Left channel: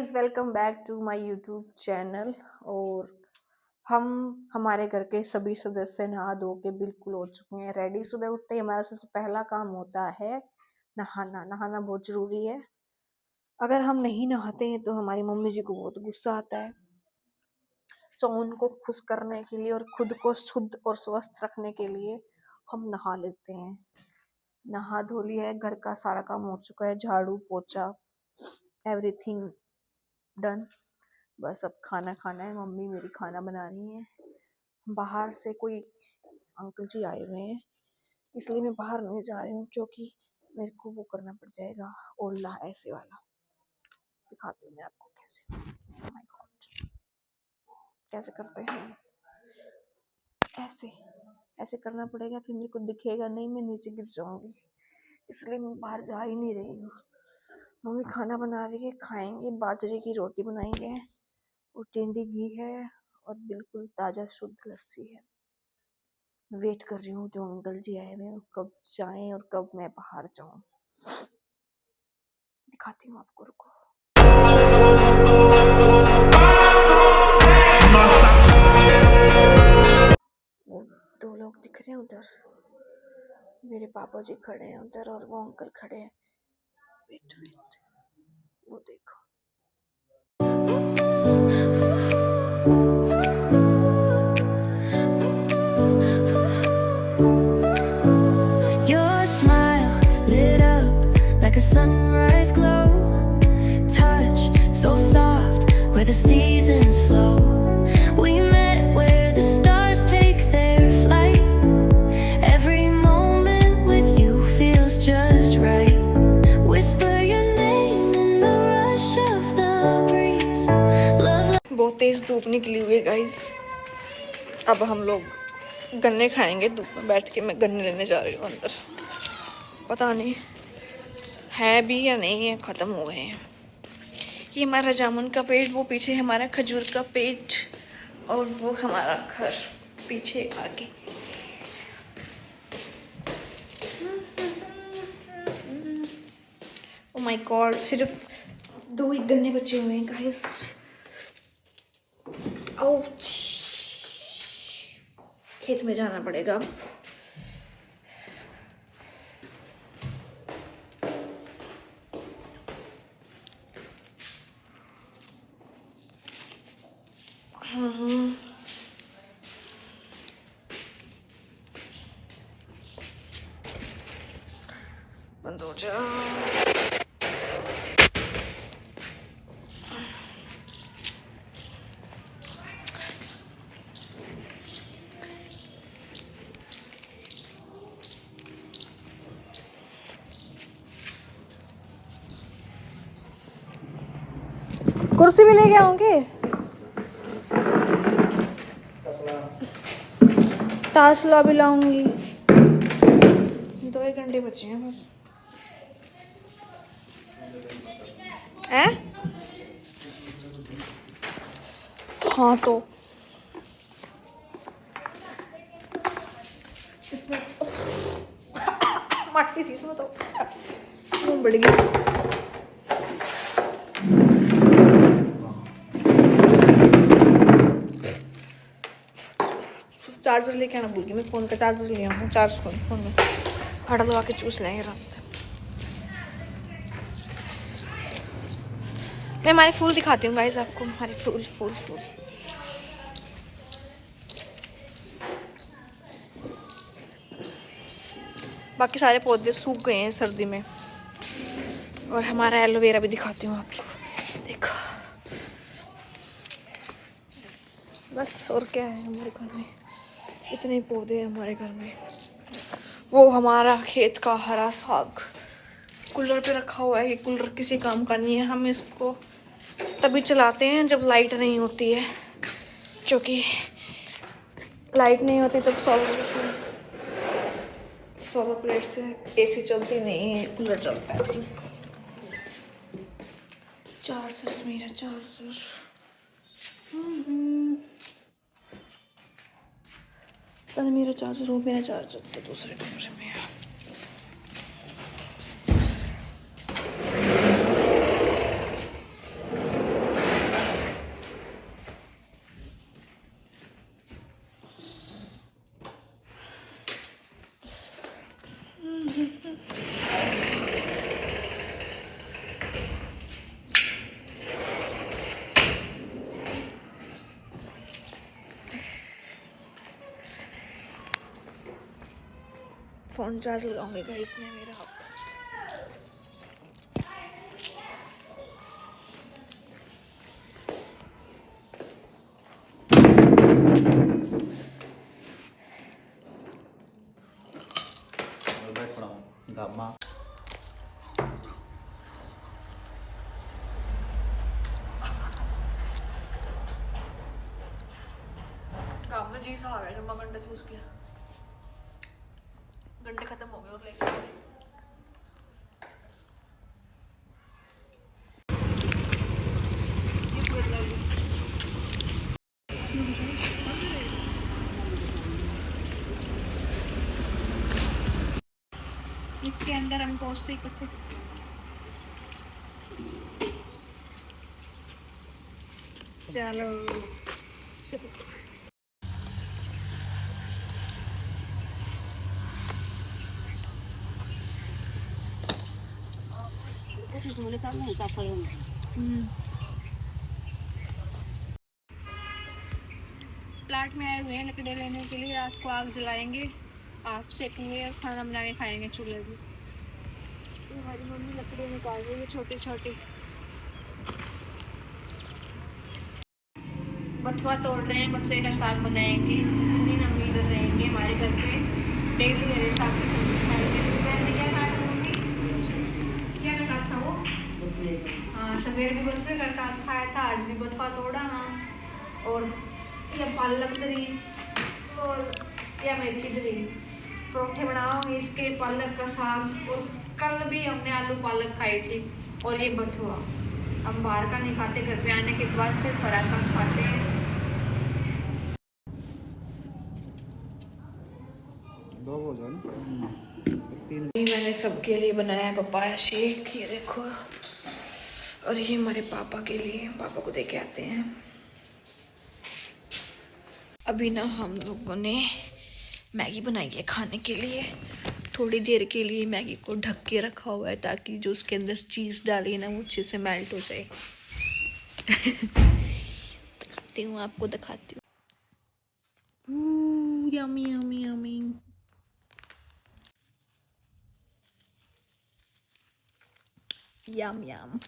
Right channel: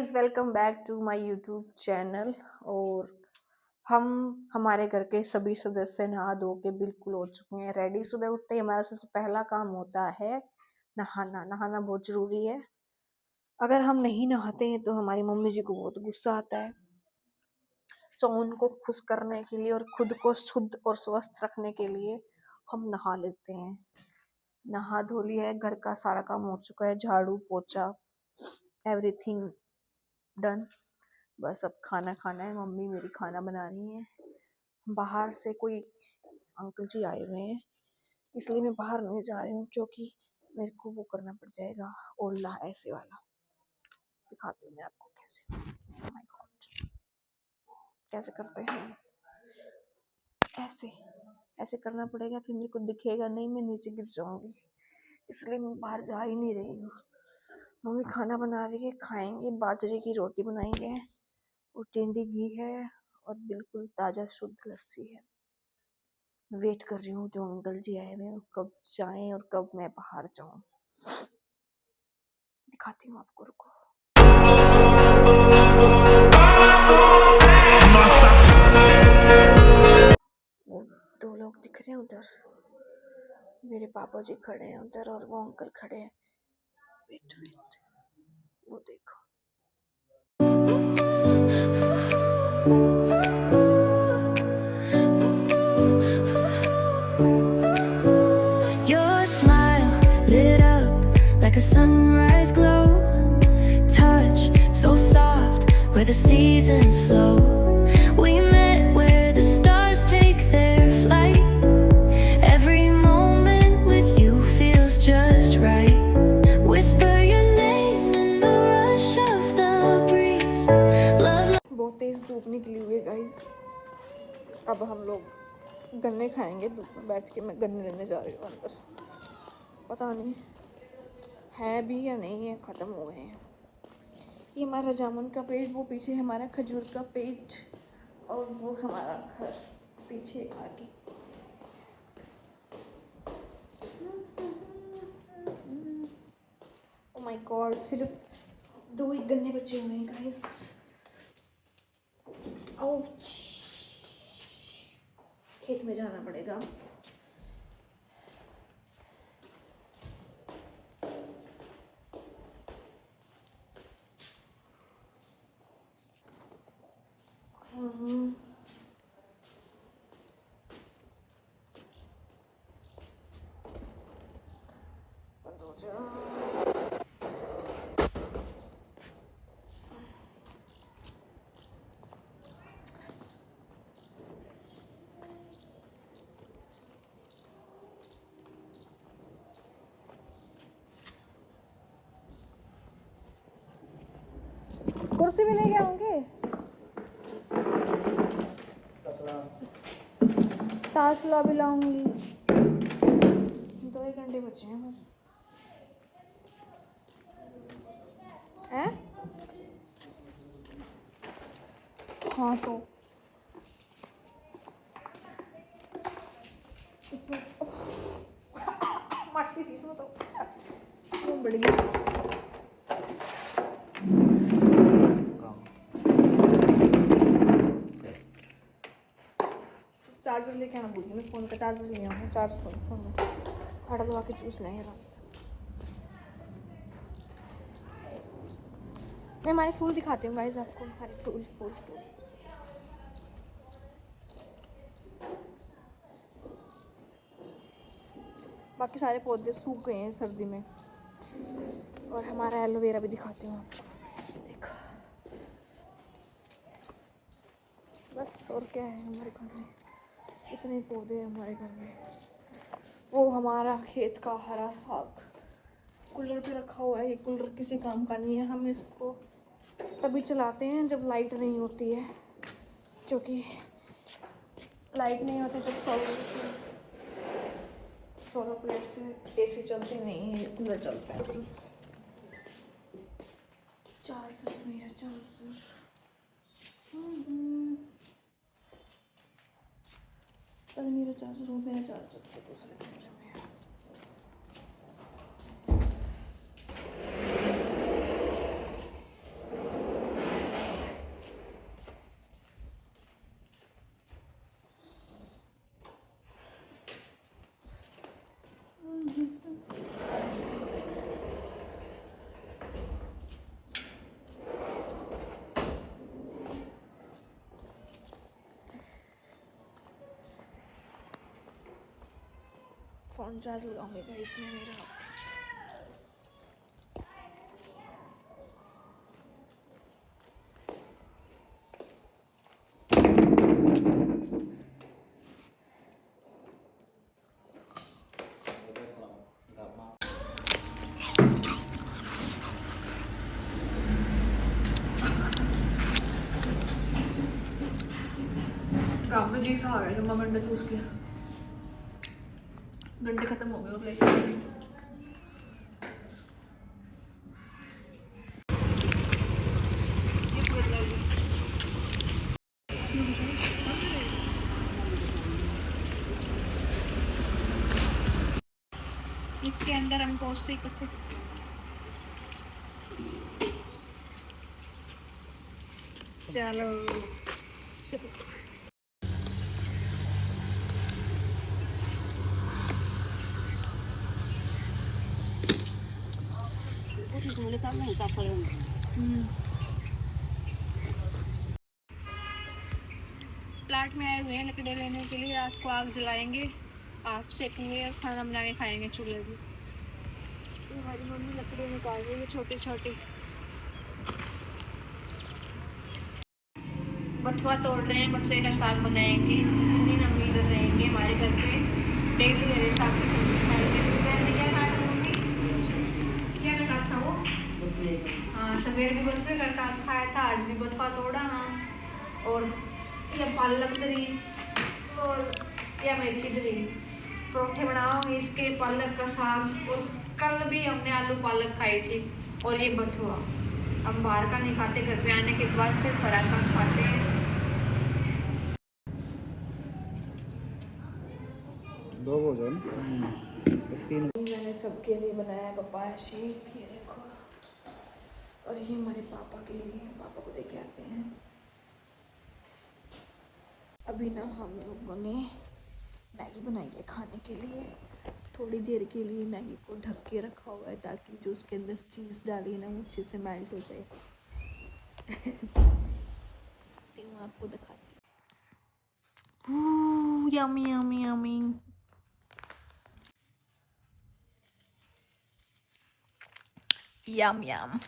Guys, welcome back to my YouTube channel. और हम हमारे घर के सभी सदस्य नहा धो के बिल्कुल हो चुके हैं रेडी। सुबह उठते ही हमारा सबसे पहला काम होता है नहाना। नहाना बहुत जरूरी है। अगर हम नहीं नहाते हैं तो हमारी मम्मी जी को बहुत गुस्सा आता है। सो उनको खुश करने के लिए और खुद को शुद्ध और स्वस्थ रखने के लिए हम नहा लेते हैं। नहा धो लिया है, घर का सारा काम हो चुका है, झाड़ू पोछा एवरीथिंग डन। बस अब खाना खाना है। मम्मी मेरी खाना बना रही है। बाहर से कोई अंकल जी आए हुए हैं, इसलिए मैं बाहर नहीं जा रही हूँ क्योंकि मेरे को वो करना पड़ जाएगा, ओला ऐसे वाला। दिखाती हूँ मैं आपको कैसे। oh my God, कैसे करते हैं। ऐसे ऐसे करना पड़ेगा, फिर मेरे को दिखेगा नहीं, मैं नीचे गिर जाऊंगी, इसलिए मैं बाहर जा ही नहीं रही हूँ। मम्मी खाना बना रही है, खाएंगे। बाजरे की रोटी बनाएंगे और टिंडी घी है और बिल्कुल ताज़ा शुद्ध लस्सी है। वेट कर रही हूँ जो अंकल जी आए हुए हैं कब जाएं और कब मैं बाहर जाऊं। दिखाती हूँ आपको, रुको। वो दो लोग दिख रहे हैं उधर, मेरे पापा जी खड़े हैं उधर और वो अंकल खड़े हैं। वेट वेट, वो देखो। Your smile lit up like a sunrise glow. Touch so soft where the seasons flow. We met where the stars take their flight. Every moment with you feels just right. Whisper your name in the rush of the breeze. Love. बहुत तेज धूप निकली हुई है guys. अब हम लोग गन्ने खाएंगे धूप में बैठ के। मैं गन्ने लेने जा रही हूँ अंदर। पता नहीं है भी या नहीं है, खत्म हो गए हैं। ये हमारा जामुन का पेड़, वो पीछे हमारा खजूर का पेड़ और वो हमारा घर पीछे आगे। ओह माय गॉड, सिर्फ 2 ही गन्ने बचे हुए हैं गाइस। आउच, खेत में जाना पड़ेगा अब। बंद हो जा। कुर्सी भी ले गए होंगे। ताशला भी लाऊंगी। 2 ही घंटे बचे हैं बस। हैं? हाँ तो इसमें मट्टी थी इसमें, तो वो बढ़ गई। चार्जर लेके आना भूल गई मैं। फ़ोन का चार्जर ले आऊँ, चार्ज फ़ोन में फटा दबा के चूस लेंगे रात। मैं हमारे फूल दिखाती हूँ गाइस आपको। हमारे फूल फूल फूल बाकी सारे पौधे सूख गए हैं सर्दी में। और हमारा एलोवेरा भी दिखाती हूँ आपको, देखो। बस और क्या है हमारे घर में, इतने ही पौधे हैं हमारे घर में। वो हमारा खेत का हरा साग कूलर पे रखा हुआ है। ये कूलर किसी काम का नहीं है। हम इसको तभी चलाते हैं जब लाइट नहीं होती है, क्योंकि लाइट नहीं होती तब सोलर प्लेट से एसी चलती नहीं है, कूलर चलता है। चार्जर, मेरा चार्जर। पता मेरा चार्जर हो, मेरा चार्जर तो दूसरे कमरे में है। फ़ोन चार्ज लगाऊंगी गाइस मैं मेरा। काम में जी सा आ गया जब मैं गंडे चूस किया, गंडे खत्म हो गए और लेके इसके अंदर हम टोस्ट ही करते। चलो प्लाट में आए हुए हैं लकड़ी लेने के लिए, रात को आग जलाएंगे, आग सेकेंगे और खाना बना के खाएंगे चूल्हे पे। हमारी मम्मी लकड़ी निकाल रही है छोटी छोटी। बथुआ तोड़ रहे हैं, बथुए का साग बनाएंगे। जितने दिन हम इधर रहेंगे हमारे घर पे डेली मेरे साग की सब्जी खाएंगे। सुबह में क्या खाया मम्मी, क्या का साग था वो? हाँ सवेरे भी बथुए का साग खाया था, आज भी बथुआ तोड़ा ना, और या पालक दरी और या मेथी दरी परोठे बनाओगे इसके, पालक का साग। और कल भी हमने आलू पालक खाई थी और ये बथुआ। हम बाहर का नहीं खाते, घर पे आने के बाद सिर्फ हरा साग खाते हैं। दो भोजन तीन। मैंने सबके लिए बनाया पपाया शेक, ये देखो, और ये हमारे पापा के लिए, पापा को दे के आते हैं। अभी ना हम लोगों ने मैगी बनाई है खाने के लिए। थोड़ी देर के लिए मैगी को ढक के रखा हुआ है ताकि जो उसके अंदर चीज़ डाली है ना वो अच्छे से मेल्ट हो जाए। दिखाती हूँ आपको, दिखाती हूँ। Yummy yummy yummy. यम यम।